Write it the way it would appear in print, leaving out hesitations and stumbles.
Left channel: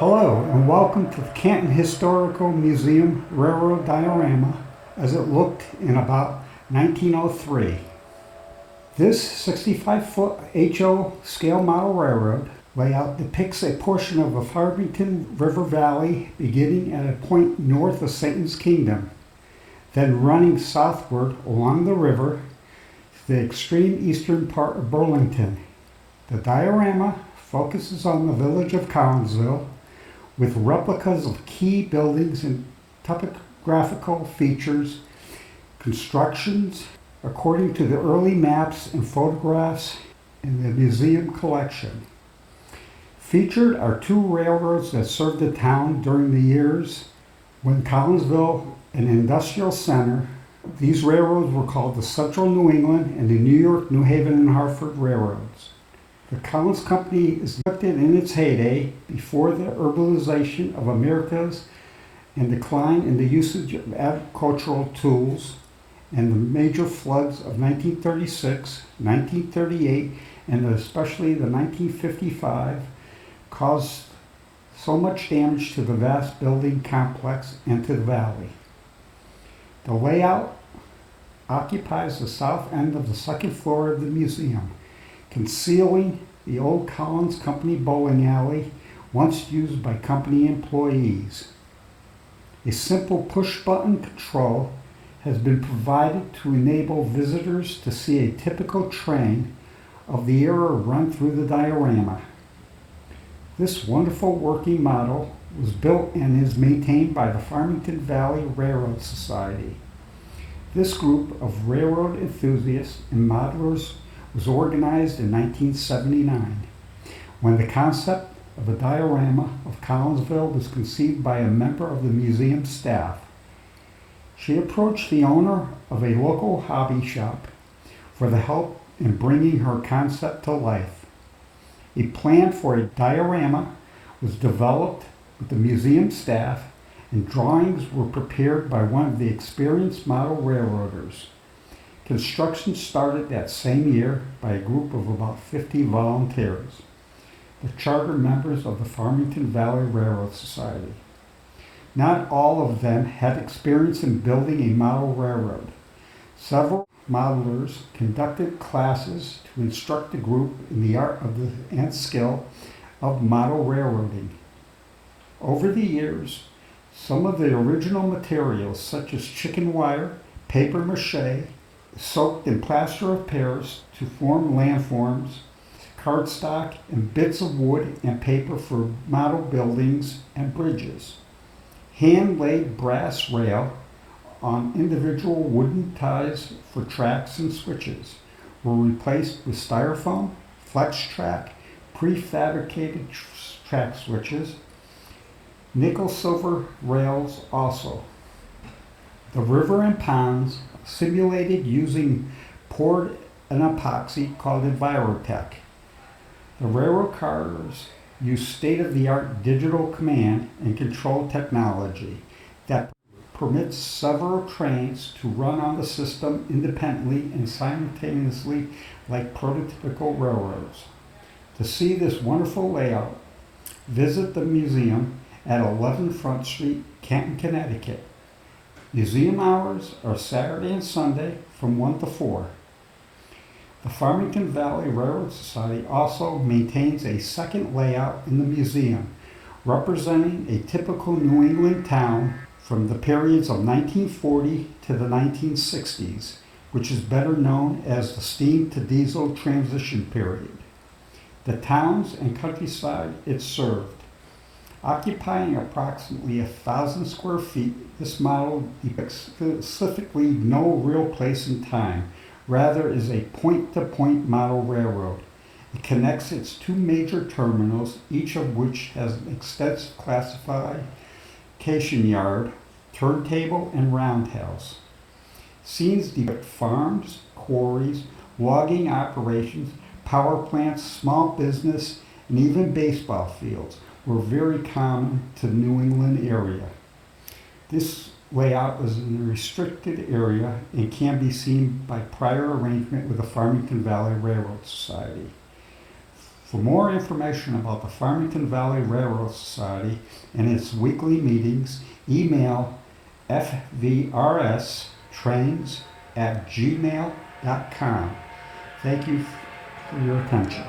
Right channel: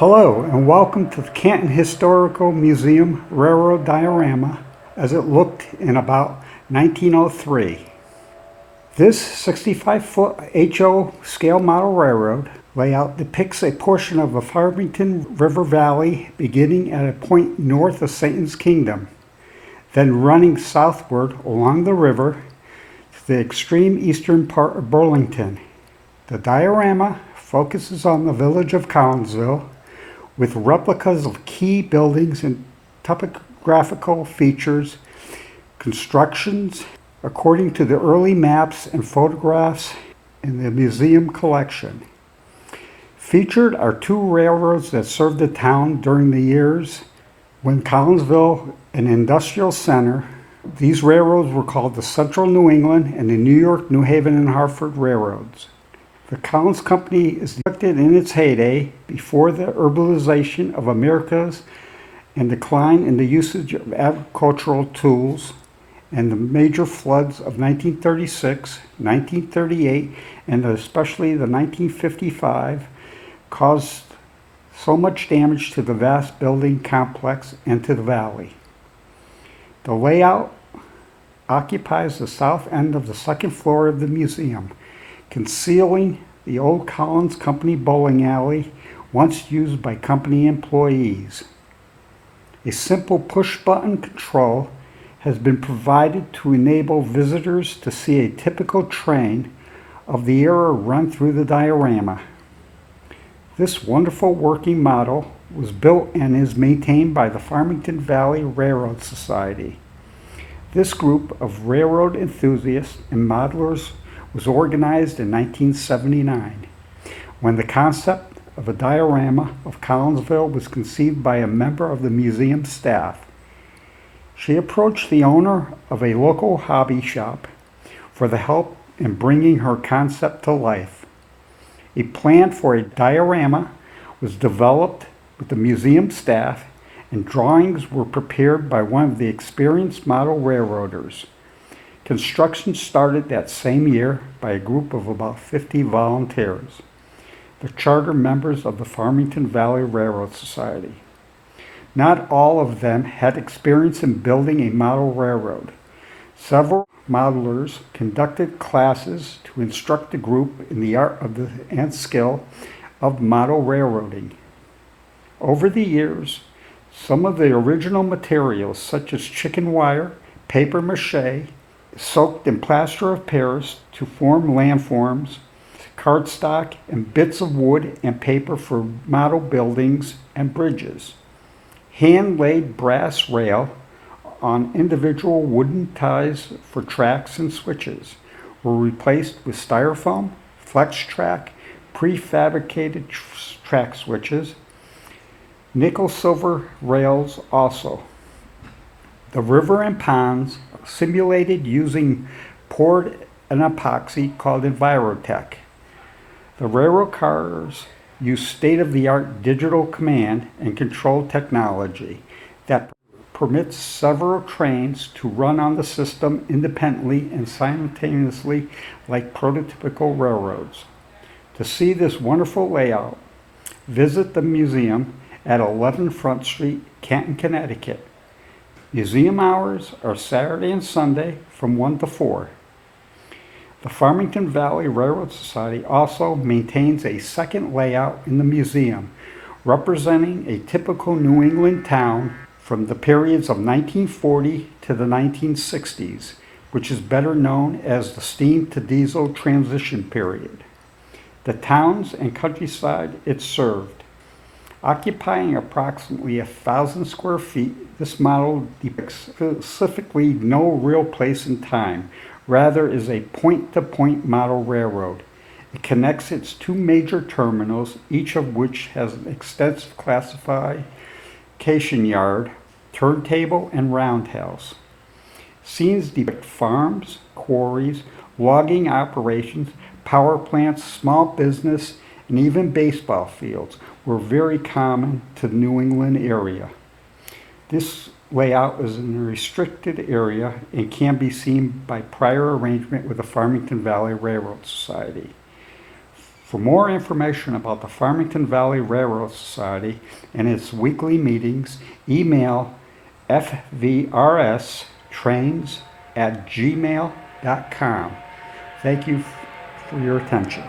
Hello and welcome to the Canton Historical Museum Railroad Diorama as it looked in about 1903. This 65-foot HO scale model railroad layout depicts a portion of the Farmington River Valley beginning at a point north of Satan's Kingdom, then running southward along the river to the extreme eastern part of Burlington. The diorama focuses on the village of Collinsville, with replicas of key buildings and topographical features, constructions according to the early maps and photographs in the museum collection. Featured are two railroads that served the town during the years when Collinsville, an industrial center. These railroads were called the Central New England and the New York, New Haven, and Hartford Railroads. The Collins Company is depicted in its heyday before the urbanization of Americas and decline in the usage of agricultural tools and the major floods of 1936, 1938, and especially the 1955 caused so much damage to the vast building complex and to the valley. The layout occupies the south end of the second floor of the museum, concealing the old Collins Company bowling alley once used by company employees. A simple push-button control has been provided to enable visitors to see a typical train of the era run through the diorama. This wonderful working model was built and is maintained by the Farmington Valley Railroad Society. This group of railroad enthusiasts and modelers was organized in 1979, when the concept of a diorama of Collinsville was conceived by a member of the museum staff. She approached the owner of a local hobby shop for the help in bringing her concept to life. A plan for a diorama was developed with the museum staff, and drawings were prepared by one of the experienced model railroaders. Construction started that same year by a group of about 50 volunteers, the charter members of the Farmington Valley Railroad Society. Not all of them had experience in building a model railroad. Several modelers conducted classes to instruct the group in the art and skill of model railroading. Over the years, some of the original materials, such as chicken wire, paper mache, soaked in plaster of Paris to form landforms, cardstock, and bits of wood and paper for model buildings and bridges. Hand-laid brass rail on individual wooden ties for tracks and switches were replaced with styrofoam, flex track, prefabricated track switches, nickel-silver rails also. The river and ponds simulated using poured an epoxy called Envirotech. The railroad cars use state-of-the-art digital command and control technology that permits several trains to run on the system independently and simultaneously like prototypical railroads. To see this wonderful layout, visit the museum at 11 Front Street, Canton, Connecticut. Museum hours are Saturday and Sunday from 1 to 4. The Farmington Valley Railroad Society also maintains a second layout in the museum, representing a typical New England town from the periods of 1940 to the 1960s, which is better known as the steam to diesel transition period. The towns and countryside it served. Occupying approximately 1,000 square feet, this model depicts specifically no real place in time, rather is a point-to-point model railroad. It connects its two major terminals, each of which has an extensive classification yard, turntable, and roundhouse. Scenes depict farms, quarries, logging operations, power plants, small business, and even baseball fields were very common to the New England area. This layout is in a restricted area and can be seen by prior arrangement with the Farmington Valley Railroad Society. For more information about the Farmington Valley Railroad Society and its weekly meetings, email fvrstrains@gmail.com. Thank you for your attention.